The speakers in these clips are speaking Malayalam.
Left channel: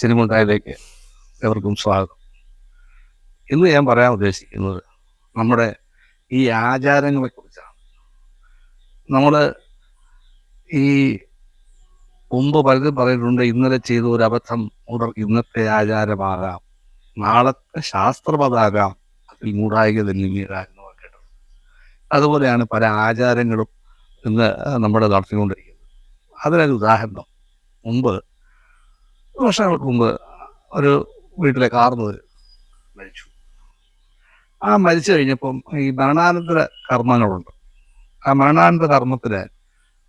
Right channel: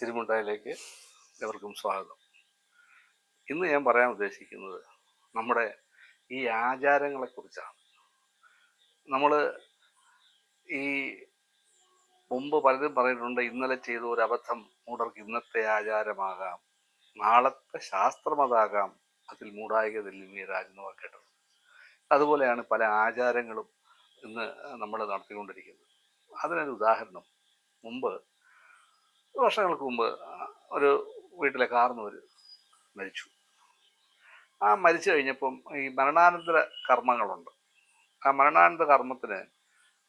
സിനിമണ്ടായിലേക്ക് എവർക്കും സ്വാഗതം. ഇന്ന് ഞാൻ പറയാൻ ഉദ്ദേശിക്കുന്നത് നമ്മുടെ ഈ ആചാരങ്ങളെ കുറിച്ചാണ്. നമ്മള് ഈ മുമ്പ് പലരും പറഞ്ഞിട്ടുണ്ട്, ഇന്നലെ ചെയ്ത ഒരു അബദ്ധം മുതൽ ഇന്നത്തെ ആചാരമാകാം, നാളത്തെ ശാസ്ത്രമതാകാം, അതിൽ മൂടായിക തെന്നിയതാകുന്നു കേട്ടത്. അതുപോലെയാണ് പല ആചാരങ്ങളും ഇന്ന് നമ്മുടെ നടത്തിക്കൊണ്ടിരിക്കുന്നത്. അതിനൊരു ഉദാഹരണം, മുമ്പ് വർഷങ്ങൾക്ക് മുമ്പ് ഒരു വീട്ടിലെ കാർന്നോര് മരിച്ചു. ആ മരിച്ചു കഴിഞ്ഞപ്പം ഈ മരണാനന്തര കർമ്മങ്ങളുണ്ട്. ആ മരണാനന്തര കർമ്മത്തിന്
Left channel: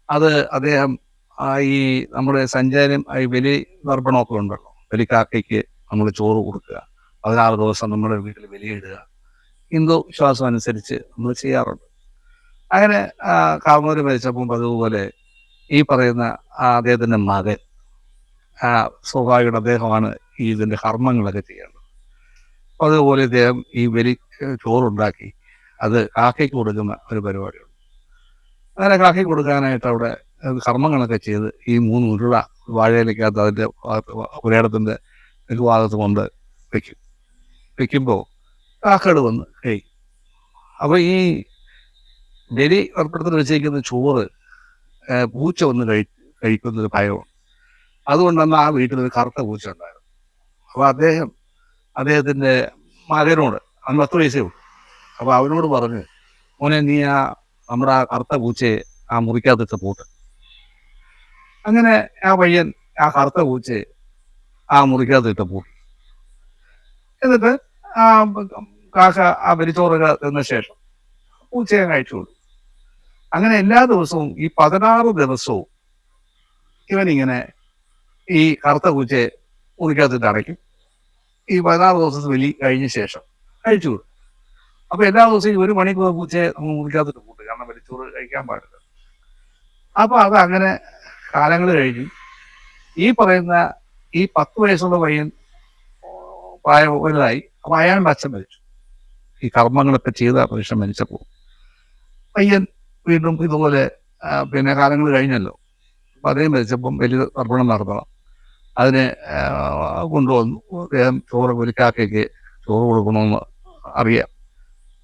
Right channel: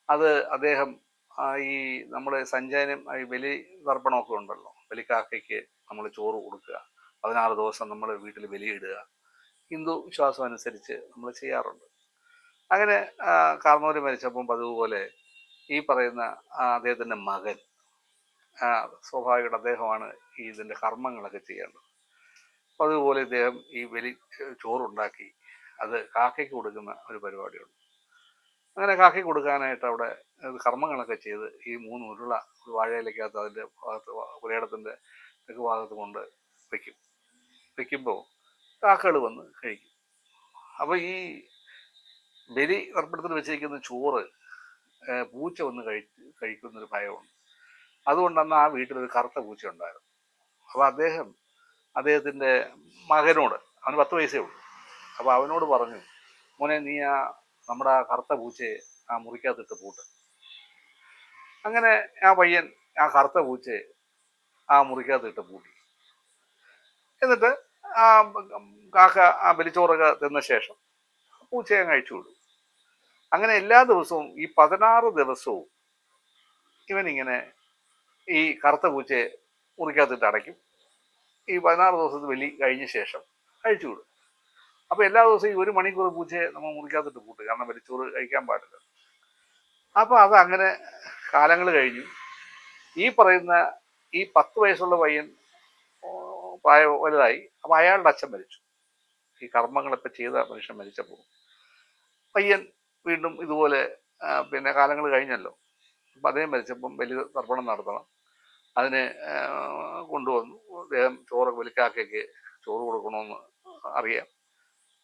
അത് അദ്ദേഹം ഈ നമ്മുടെ സഞ്ചാരം ഈ ബലി തർപ്പണമൊക്കെ ഉണ്ടല്ലോ, ബലിക്കാക്കയ്ക്ക് നമ്മൾ ചോറ് കൊടുക്കുക, 16 ദിവസം നമ്മുടെ വീട്ടിൽ ബലിയിടുക, ഹിന്ദു വിശ്വാസം അനുസരിച്ച് നമ്മൾ ചെയ്യാറുണ്ട്. അങ്ങനെ കാർന്നോര് മരിച്ചപ്പം അതുപോലെ ഈ പറയുന്ന അദ്ദേഹത്തിന്റെ മകൻ സ്വാഭാവികമായിട്ട് അദ്ദേഹമാണ് ഇതിന്റെ കർമ്മങ്ങളൊക്കെ ചെയ്യേണ്ടത്. അതുപോലെ ഇദ്ദേഹം ഈ ബലി ചോറുണ്ടാക്കി അത് കാക്കയ്ക്ക് കൊടുക്കുന്ന ഒരു പരിപാടിയുണ്ട്. അങ്ങനെ കാക്കയ്ക്ക് കൊടുക്കാനായിട്ട് അവിടെ കർമ്മങ്ങളൊക്കെ ചെയ്ത് ഈ 3 ഉരുള വാഴയിലേക്കകത്ത് അതിന്റെ പുരയിടത്തിന്റെ ഒരു ഭാഗത്ത് കൊണ്ട് വെക്കുമ്പോൾ കാക്കകൾ വന്ന് കഴിക്കും. അപ്പൊ ഈ ബലി അർപ്പണത്തിന് വെച്ചിരിക്കുന്ന ചോറ് പൂച്ച വന്ന് കഴിക്കുന്നൊരു ഭയമാണ്. അതുകൊണ്ടന്ന് ആ വീട്ടിൽ ഒരു കറുത്ത പൂച്ച ഉണ്ടായിരുന്നു. അപ്പൊ അദ്ദേഹത്തിന്റെ മകനോട്, അവന് 10 വയസ്സേ ഉള്ളൂ, അപ്പൊ അവനോട് പറഞ്ഞു, മോനെ നീ നമ്മുടെ ആ കറുത്ത പൂച്ചയെ ആ മുറിക്കകത്തിട്ട് പൂട്ട്. അങ്ങനെ ആ പയ്യൻ ആ കറുത്ത പൂച്ചയെ ആ മുറിക്കകത്തിട്ട് പൂട്ടി. എന്നിട്ട് ആ കാക്ക ആ ബലിച്ചോറൊക്കെ തിന്ന ശേഷം പൂച്ചയെ കഴിച്ചുകൊള്ളു. അങ്ങനെ എല്ലാ ദിവസവും ഈ 16 ദിവസവും ഇവനിങ്ങനെ ഈ കറുത്ത പൂച്ചയെ മുറിക്കകത്തിട്ട് അടയ്ക്കും. ഈ 16 ദിവസത്തെ ബലി കഴിഞ്ഞ ശേഷം കഴിച്ചുകൊള്ളു. അപ്പൊ എല്ലാ ദിവസവും 1 മണിക്കൂർ പൂച്ചയെ നമ്മൾ മുറിക്കകത്തിട്ട് പൂട്ടും, കാരണം ബലിച്ചോറ് കഴിക്കാൻ പാടില്ല. അപ്പൊ അത് അങ്ങനെ കാലങ്ങൾ കഴിഞ്ഞു. ഈ പറയുന്ന ഈ 10 വയസ്സുള്ള പയ്യൻ വലുതായി. അപ്പൊ അയാളുടെ അച്ഛൻ മരിച്ചു. ഈ കർമ്മങ്ങളൊക്കെ ചെയ്ത മനുഷ്യൻ മരിച്ചപ്പോൾ പയ്യൻ വീണ്ടും ഇതുപോലെ പിന്നെ കാലങ്ങൾ കഴിഞ്ഞല്ലോ. അപ്പൊ അദ്ദേഹം മരിച്ചപ്പം വലിയ തർപ്പണം നടത്തണം. അതിനെ കൊണ്ടുവന്നു. അദ്ദേഹം ചോറ് ബലിക്കാക്കയ്ക്ക് ചോറ് കൊടുക്കണമെന്ന് അറിയാം.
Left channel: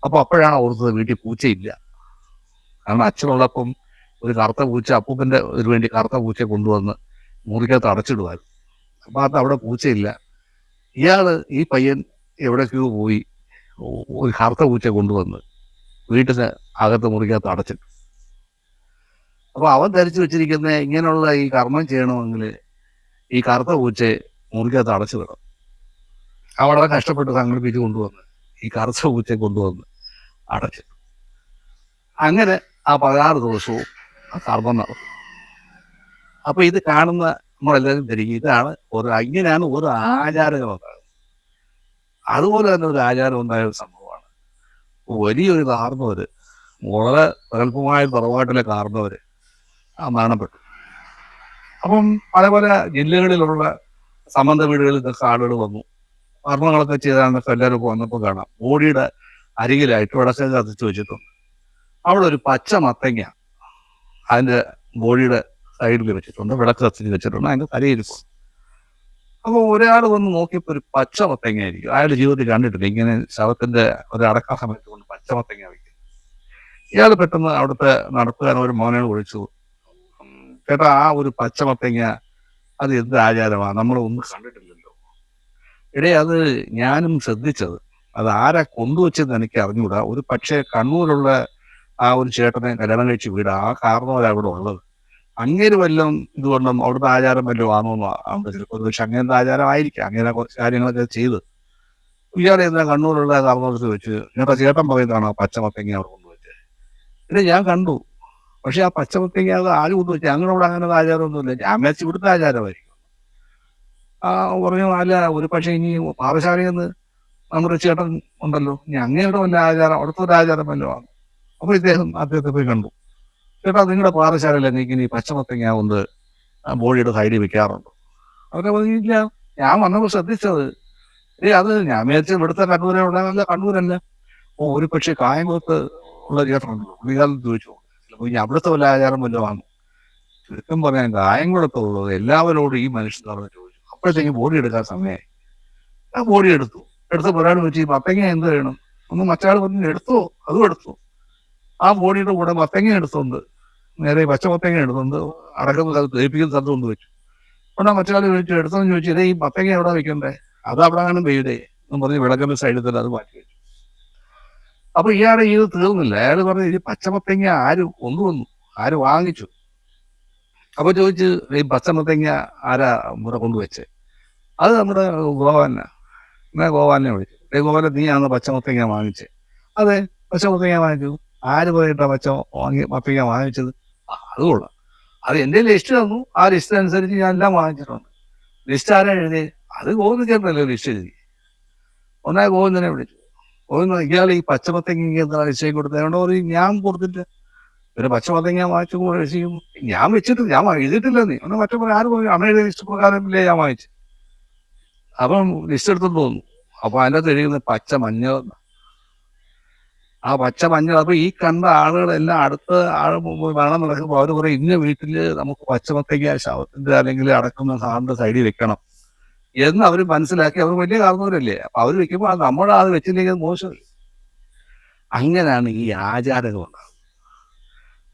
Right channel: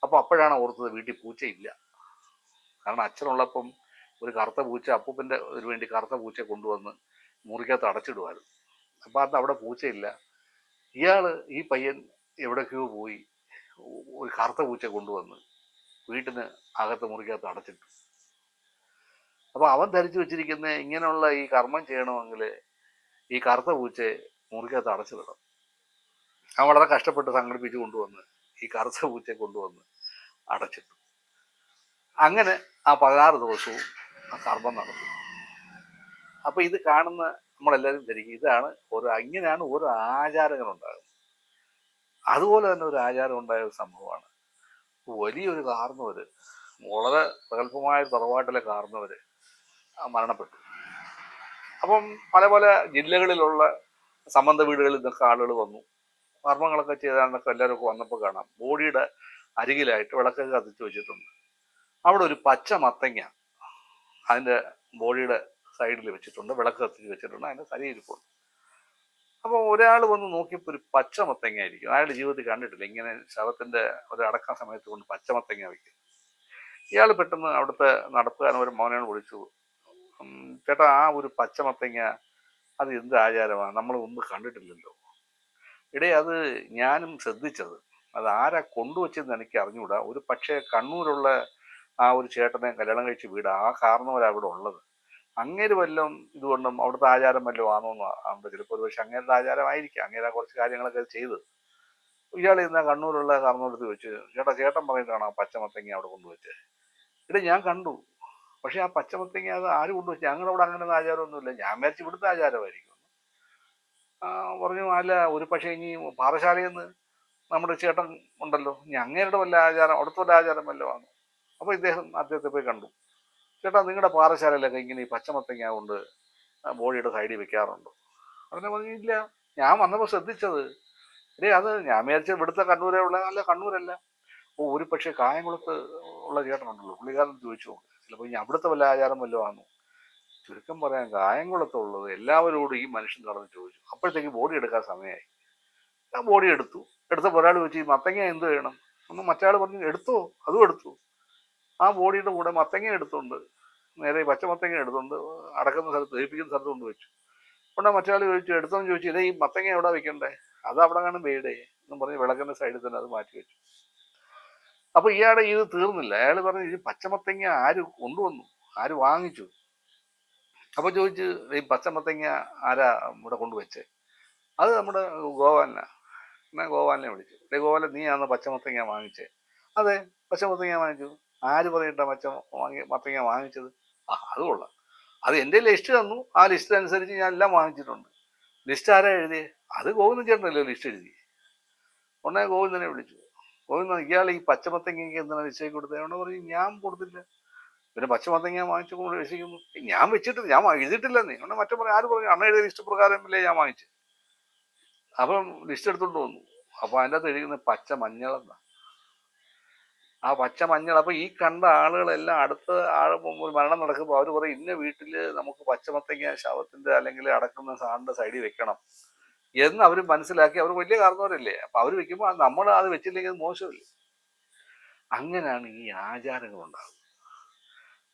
അപ്പൊ അപ്പോഴാണ് ഓർത്തത് വീട്ടിൽ പൂച്ചയില്ല. കാരണം അച്ഛനുള്ളപ്പം ഒരു കറുത്ത പൂച്ച, അപ്പൂപ്പന്റെ ഒരു വേണ്ടി കറുത്ത പൂച്ചയെ കൊണ്ടുവന്ന് മുറിക്കകത്ത് അടച്ചിടുമായിരുന്നു. അപ്പൊ അത് അവിടെ പൂച്ചയില്ല. ഈ പയ്യൻ എവിടേക്കോ പോയി ഒരു കറുത്ത പൂച്ചയെ കൊണ്ടുവന്ന് വീട്ടിന് അകത്ത് മുറിക്കകത്ത് അടച്ചിട്ടു. അപ്പൊ അവൻ ധരിച്ചു വെച്ചിരിക്കുന്ന ഇങ്ങനെയുള്ള ഈ കർമ്മം ചെയ്യണമെങ്കിൽ ഈ കറുത്ത പൂച്ചയെ മുറിക്കകത്ത് അടച്ചു വിടണം. അവൻ വളരെ കഷ്ടപ്പെട്ട് സംഘടിപ്പിച്ച് കൊണ്ടുവന്ന് ഈ കറുത്ത പൂച്ചയെ കൊണ്ടുവന്ന് അടച്ചിട്ടു. അങ്ങനെ ആ 16 ദിവസവും ആ കർമ്മം നടക്കും. അപ്പൊ ഇത് കാണുന്ന നമ്മളെല്ലാവരും ധരിക്കും ഇങ്ങനെയാണ് ഓരോ ആചാരങ്ങൾ ഉണ്ടാകുന്നത്. അതുപോലെ തന്നെ ഒരു ആചാരം ഉണ്ടായ ഒരു സംഭവമാണ്, വലിയൊരു കാർന്നവര്, വളരെ പ്രഗത്ഭമായ തറവാട്ടിലെ കാർന്നവര് മരണപ്പെട്ടു. അപ്പം പല പല ജില്ലകളിലുള്ള സംബന്ധ വീടുകളിൽ നിന്നൊക്കെ ആളുകൾ വന്നു. കർമ്മങ്ങളൊക്കെ ചെയ്താന്നൊക്കെ എല്ലാവരും വന്നപ്പോൾ കാണാം, ബോഡിയുടെ അരികിലായിട്ട് വിളക്ക് കത്തിച്ച് വെച്ചിട്ടുണ്ട്. അവിടെ ഒരു പച്ച മത്തങ്ങ അതിന്റെ ബോഡിയുടെ സൈഡിൽ വെച്ചിട്ടുണ്ട്, വിളക്ക് കത്തിച്ച് വെച്ചിട്ടുണ്ട്, അതിന്റെ തലയിരിക്കും. അപ്പൊ ഒരാൾ വന്ന് നോക്കിയപ്പോ ഒരു പച്ച മത്തങ്ങ ആയിരിക്കും. അയാളുടെ ജീവിതത്തിൽ കണ്ടിട്ടില്ല ഇങ്ങനെ ശവത്തിന്റെ ഒരു അടക്ക സമയത്ത് കൊണ്ട് പച്ച മത്തങ്ങ വയ്ക്കും. ഇയാൾ പെട്ടെന്ന് അവിടുത്തെ നടത്തുകാരൻ ഒരു മോനോട് വിളിച്ചു, ചേട്ടാ ആ ഒരു പച്ച മത്തങ്ങ അത് എന്ത് ആചാരമാണ്, നമ്മൾ ഒന്നും കണ്ടിട്ടില്ലല്ലോ. അത് ഞാനും ശ്രദ്ധിച്ചത്, അത് ആരാ കൊണ്ടുവച്ചെന്ന് എനിക്ക് അറിഞ്ഞുകൂടാ. ഒരു പക്ഷേ കണ്ണൂരുള്ള ആ ഒരു ചേട്ടനെ കല്യാണം കഴിച്ച് വീട് ആ കാരണവരാ ഇവിടെ ഉള്ളത്. അങ്ങേര് വല്ലതും ഇതുകൊണ്ടും അവിടുത്തെ ആചാരം വല്ലതും ആണോന്നോ, ചിലപ്പോൾ പക്ഷെ അങ്ങനത്തെ ആചാരമായിരിക്കാം. അങ്ങനെ കുറച്ച് കാര്യങ്ങളൊക്കെ ചെയ്ത് ഇയാളെ എന്നാ കണ്ണൂരുള്ള കാരണവർക്ക് വെച്ച് ചേട്ടൻ പറയുന്നതാണോ പച്ചമത്തങ്ങ അവിടെ കൊണ്ടുവച്ചത്? ഞാൻ കണ്ടു, പക്ഷെ ആ പച്ചമത്തങ്ങ അത് ആര് കൊണ്ടുവച്ചു? ഞങ്ങളോട് അങ്ങനെ ആചാരമൊന്നുമില്ല. ഞാൻ വെച്ച് ഇവിടുത്തെ ആചാരമായിരിക്കും. പറഞ്ഞു, അല്ല ഒരു പക്ഷെ ഇനി പാറശാലയിൽ നിന്ന് നമ്മുടെ ചേട്ടൻ ഉണ്ടല്ലോ, ഇനി അങ്ങയുടെ വല്ല ആചാരം അവിടുത്തെ ഒരു ആചാരം വല്ലതും ആണ്. അപ്പൊ അദ്ദേഹത്തെ പോയി കണ്ടു. ചേട്ടാ നിങ്ങളുടെ പാറശാലയിൽ ഇങ്ങനെ ഈ പച്ചമത്തങ്ങ കൊണ്ട് ബോഡിയുടെ സൈഡിൽ വെക്കാറുണ്ടോ? അവരെ പറഞ്ഞില്ല, ഞാൻ വന്നപ്പോൾ ശ്രദ്ധിച്ചത്. അത് ഞാൻ വിചാരിച്ച ഇവിടുത്തെ കണ്ണൂരെ ഉള്ള കണ്ണൂരല്ല. ഒരു പക്ഷെ കായംകുളത്ത് ഉള്ള ചേട്ടനുണ്ടല്ലോ, പുള്ളിക്കാരൻ ചോദിച്ചു, ചിലപ്പോൾ ഇനി അവിടുത്തെ വല്ല ആചാരം വല്ലതും. ചുരുക്കം പറയാൻ കായംകുളത്തുള്ളത് എല്ലാവരോടും ഈ മനുഷ്യൻ നടന്ന് ചോദിച്ചു. അപ്പോഴത്തേക്കും ബോഡി എടുക്കാൻ സമയമായി. ആ ബോഡി എടുത്തു. എടുത്തപ്പോൾ ഒരാൾ ചോദിച്ചു മത്തങ്ങ എന്ത് വേണം? ഒന്ന് മറ്റാൾ പറഞ്ഞു എടുത്തോ, അതും എടുത്തു. ആ ബോഡിയുടെ കൂടെ മത്തങ്ങ എടുത്തുകൊണ്ട് നേരെ പച്ചമത്തങ്ങ എടുത്തുകൊണ്ട് അടക്കുന്ന സ്ഥലത്ത് ദഹിപ്പിക്കുന്ന സ്ഥലത്ത് കൊണ്ട് വെച്ചു. അവിടെ മറ്റാൾ ചോദിച്ചു എടുത്തോന്ന് ചോദിച്ചു, ഇതേ ഈ മത്തങ്ങ എവിടെ വെക്കണ്ടേ? അത് അവിടെ കാണും വെയുടെ എന്ന് പറഞ്ഞ് വിളക്കുന്ന സൈഡിൽ തന്നെ അത് മാറ്റി വെച്ചു. അപ്പൊ ഇയാളെ ഇത് തീർന്നില്ല. അയാൾ പറഞ്ഞു ഈ പച്ചമത്തങ്ങ ആര് കൊണ്ടുവന്നു, ആര് വാങ്ങിച്ചു? അപ്പൊ ചോദിച്ചു ഈ പച്ചമത്തങ്ങ ആരാ ഇവിടെ കൊണ്ടുവച്ചേ? അത് നമ്മുടെ ഗോവാനാ. എന്നാ ഗോവാനെ വിളിച്ചു. ഗോവാനെ നീയാണോ പച്ചമത്തങ്ങ വാങ്ങിച്ചേ? അതെ, പച്ചമത്തങ്ങ വാങ്ങിച്ചു. ആര് പറയട്ടാ മത്തങ്ങ വാങ്ങിച്ചത്? അത് കൊള്ളാം. അത് എന്റെ ലിസ്റ്റ് തന്നു. ആ ലിസ്റ്റ് അനുസരിച്ച് ഞാൻ എല്ലാം വാങ്ങിച്ചിട്ടുണ്ട്. ലിസ്റ്റ് ആരാ എഴുതി? അത് ഗോവിന്ദ ചേട്ടനല്ലേ ലിസ്റ്റ് എഴുതി. ഒന്നാ ഗോവിന്ദനെ വിളിച്ചു. ഗോവിന്ദ ഇയാൾ ഈ പച്ചമത്തങ്ങ എന്താ ലിസ്റ്റ് കൊടുത്തതുകൊണ്ട് പറയും ഞാൻ കൊടുത്തില്ല. പിന്നെ പച്ചമത്തങ്ങ വാങ്ങിച്ചു കഴിയും. ഞാൻ വെച്ചിട്ടില്ല, ഞാൻ എഴുതിയിട്ടില്ല. നീ ഒന്ന് മറ്റേ ആര് പോയി അമ്മയുടെ ലിസ്റ്റ് പ്രകാരമില്ലേ ഞാൻ വാങ്ങിച്ചു. അപ്പം ലിസ്റ്റ് എടുത്തോണ്ട് തോന്നുന്നു. അപ്പൊ അതിനകത്ത് എഴുതുന്നത് പച്ച മഞ്ഞൾ. ആ പച്ച മഞ്ഞൾ. അപ്പൊ ഈ കണ്ട ആളുകളെല്ലാം അടുത്ത ആൾ മരണം നടക്കുമ്പോൾ അവര് പറയും ഇന്ന വീട്ടില് നമുക്ക് പച്ചമത്തങ്ങ ശവത്തിന്റെ അല്ലെങ്കിൽ അടക്കുന്ന സാറിന്റെ സൈഡിൽ വെക്കണം എന്ന് അവർ മനസ്സിലാക്കി. അവർ വലിയ കാരണവരല്ലേ. അപ്പൊ അവർ വെക്കുമ്പോൾ നമ്മൾ അത് വെച്ചില്ലെങ്കിൽ മോശമല്ലേ. അങ്ങനെയാണ് ഈ ആചാരങ്ങൾ ഉണ്ടാകുന്നത്.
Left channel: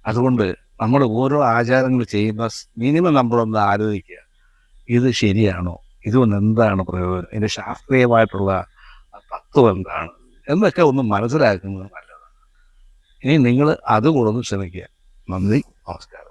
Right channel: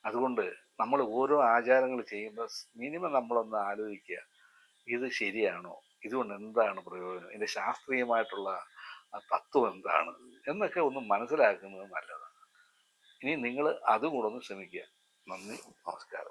അതുകൊണ്ട് നമ്മൾ ഓരോ ആചാരങ്ങൾ ചെയ്യുമ്പോൾ മിനിമം നമ്മളൊന്ന് ആലോചിക്കുക, ഇത് ശരിയാണോ, ഇതുകൊണ്ട് എന്താണ് പ്രയോജനം, ഇതിന്റെ ശാസ്ത്രീയമായിട്ടുള്ള തത്വം എന്താണ് എന്നൊക്കെ ഒന്ന് മനസ്സിലാക്കുന്നത് നല്ലതാണ്. ഇനി നിങ്ങൾ അതുകൂടെ ഒന്ന് ശ്രമിക്കുക. നന്ദി, നമസ്കാരം.